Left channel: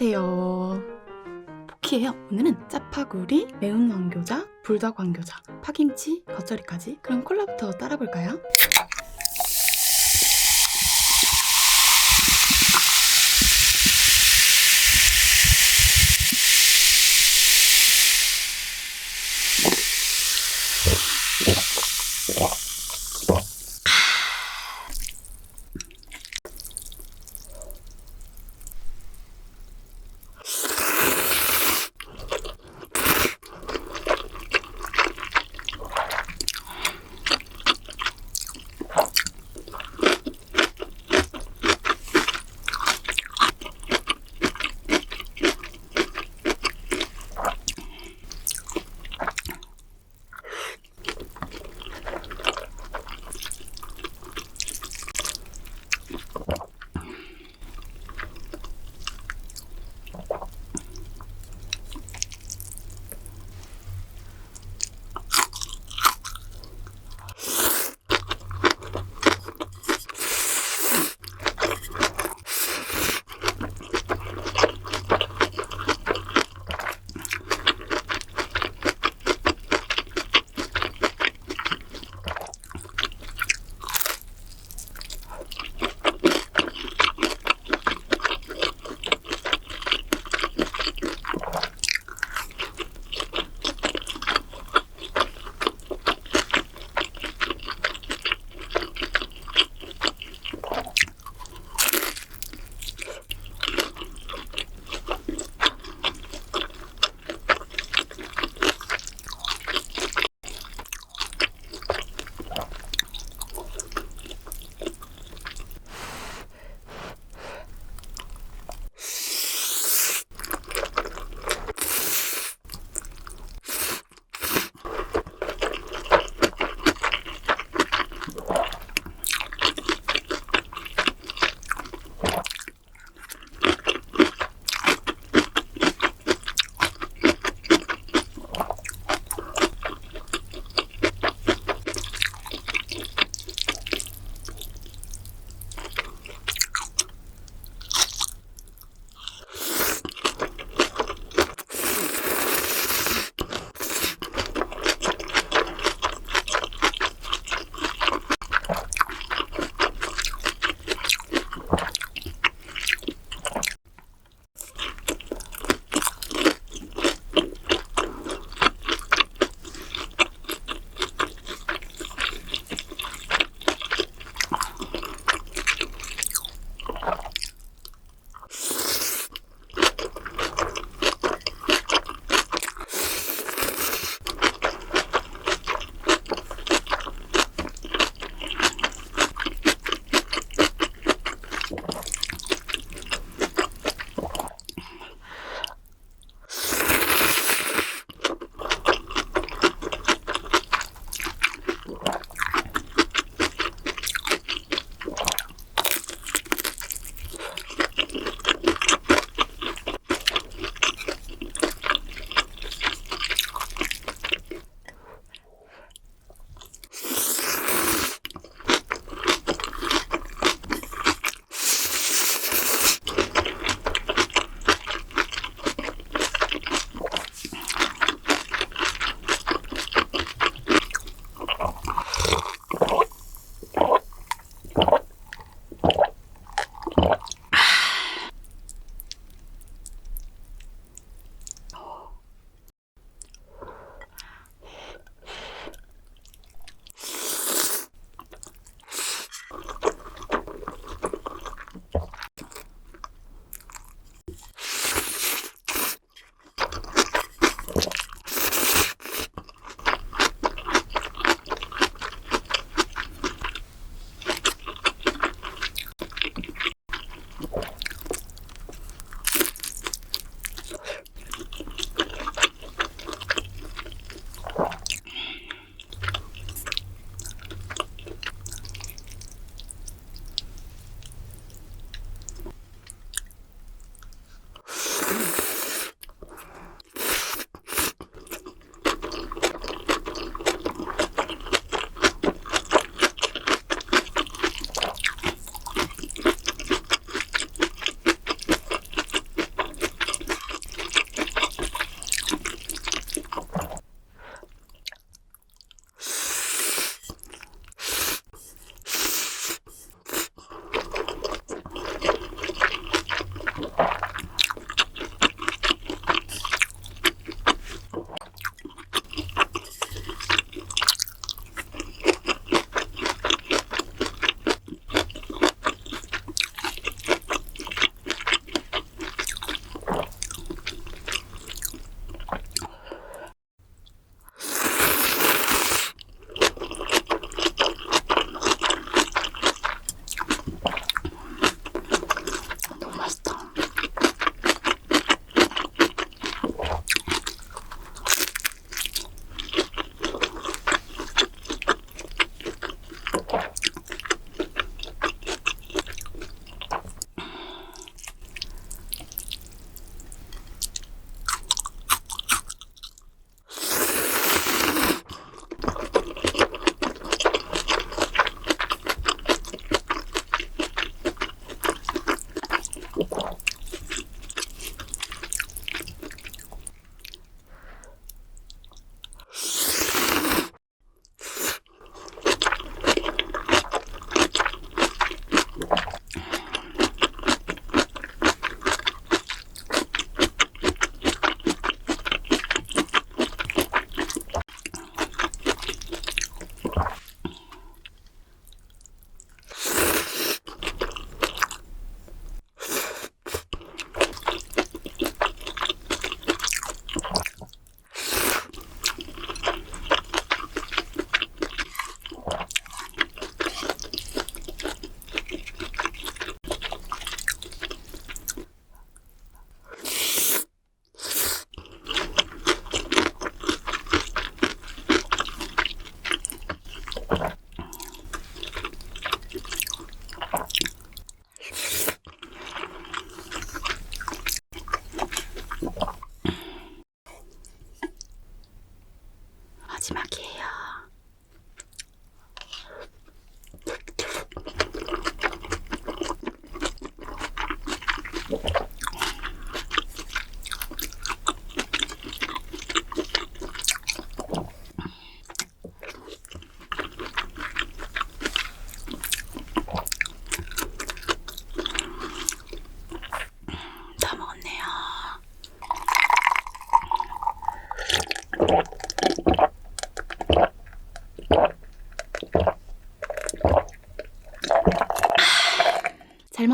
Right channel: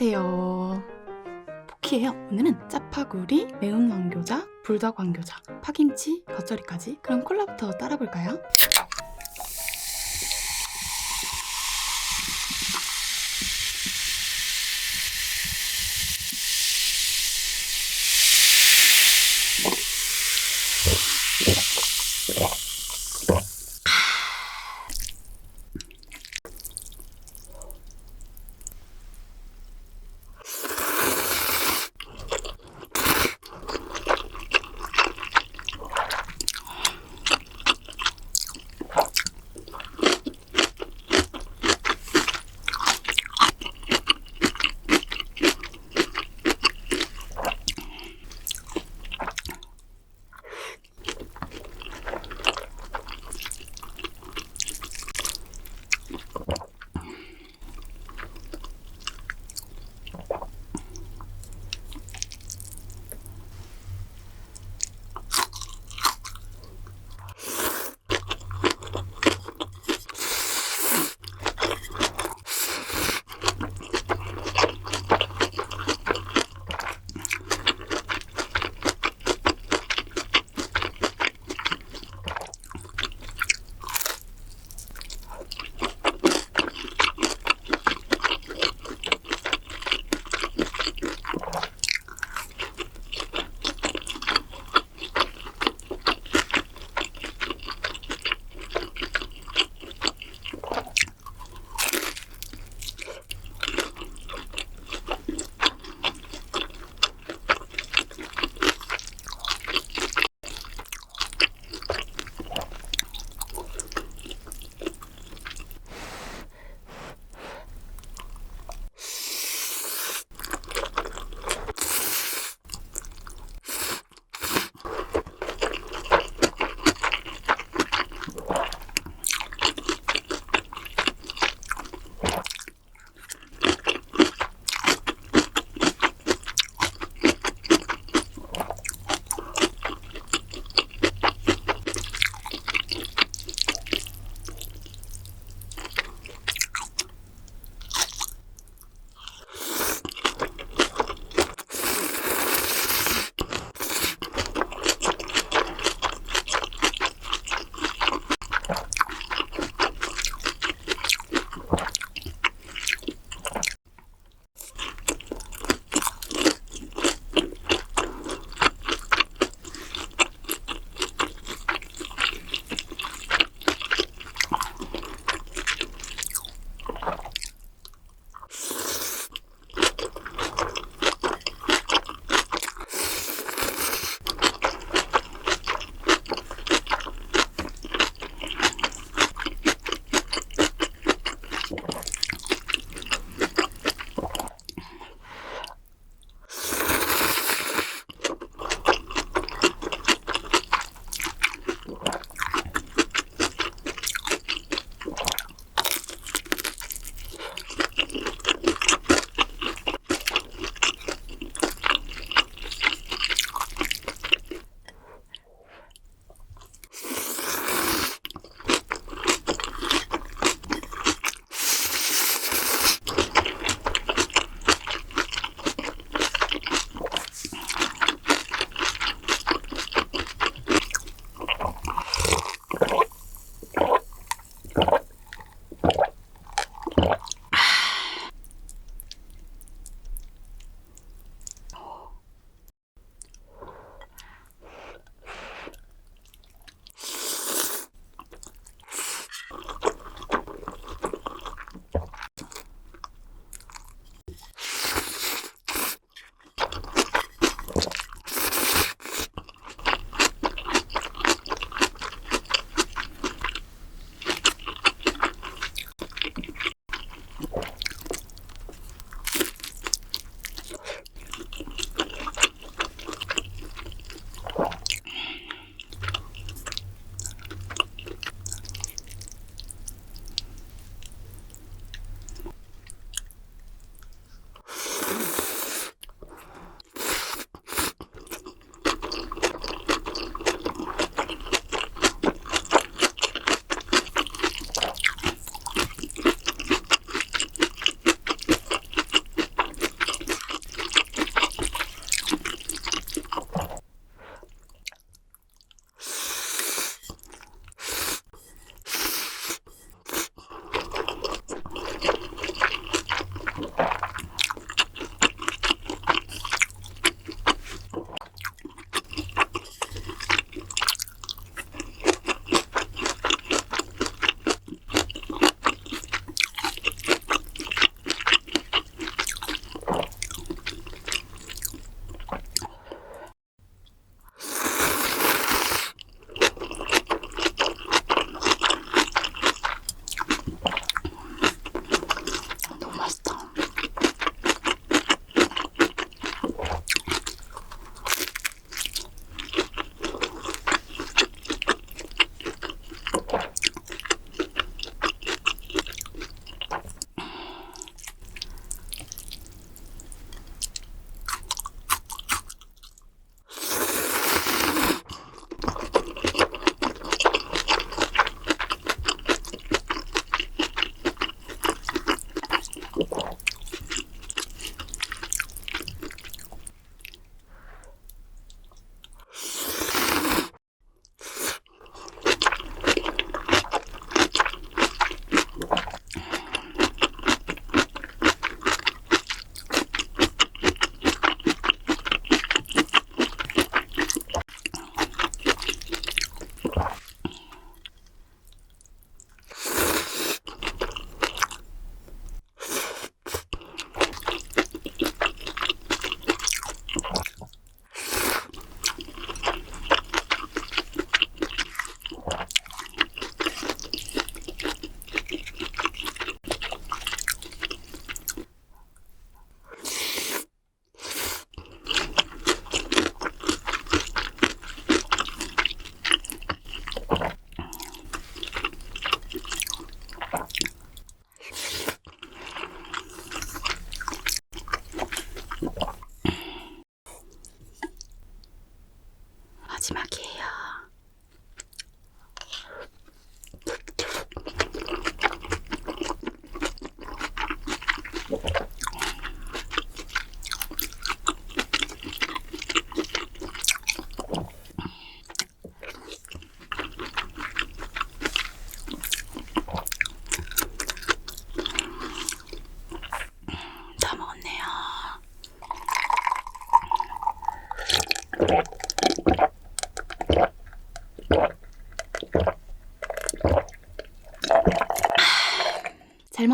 안녕하세요. 포키예요. 오늘은 짜파구리, 매운 왕교자, 불닭 왕교자, 파김치, 겉절이까지. 그럼 콜라부터 따라볼까요?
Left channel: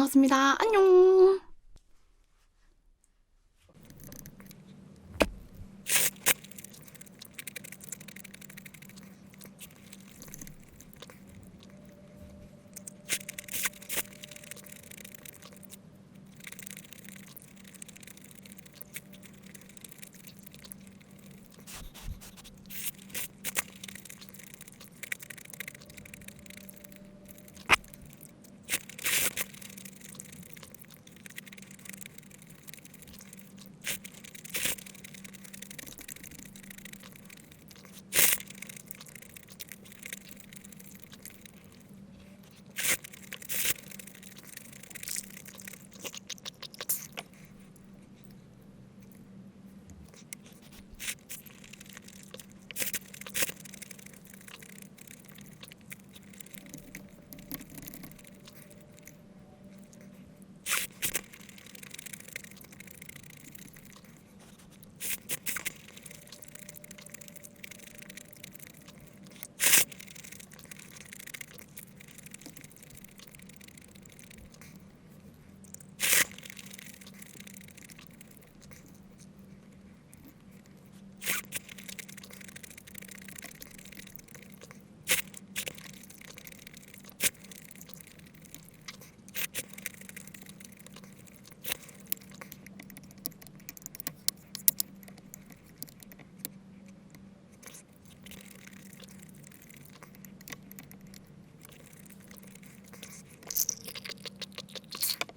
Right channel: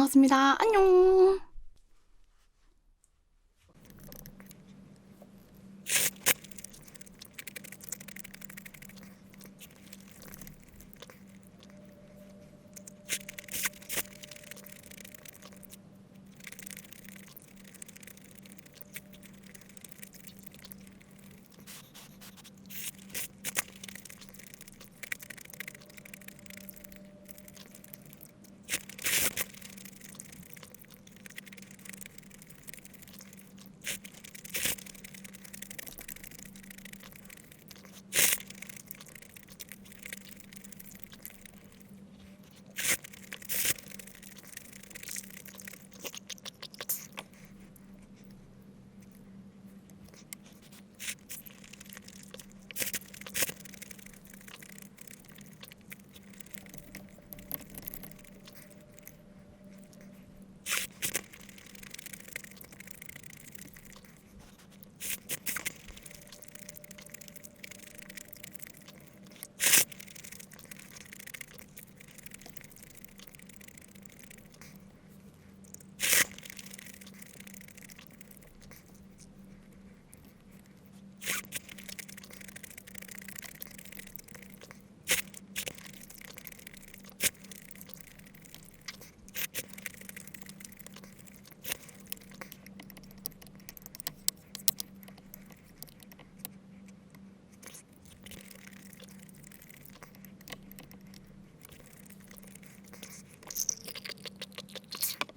잘 먹었습니다. 안녕.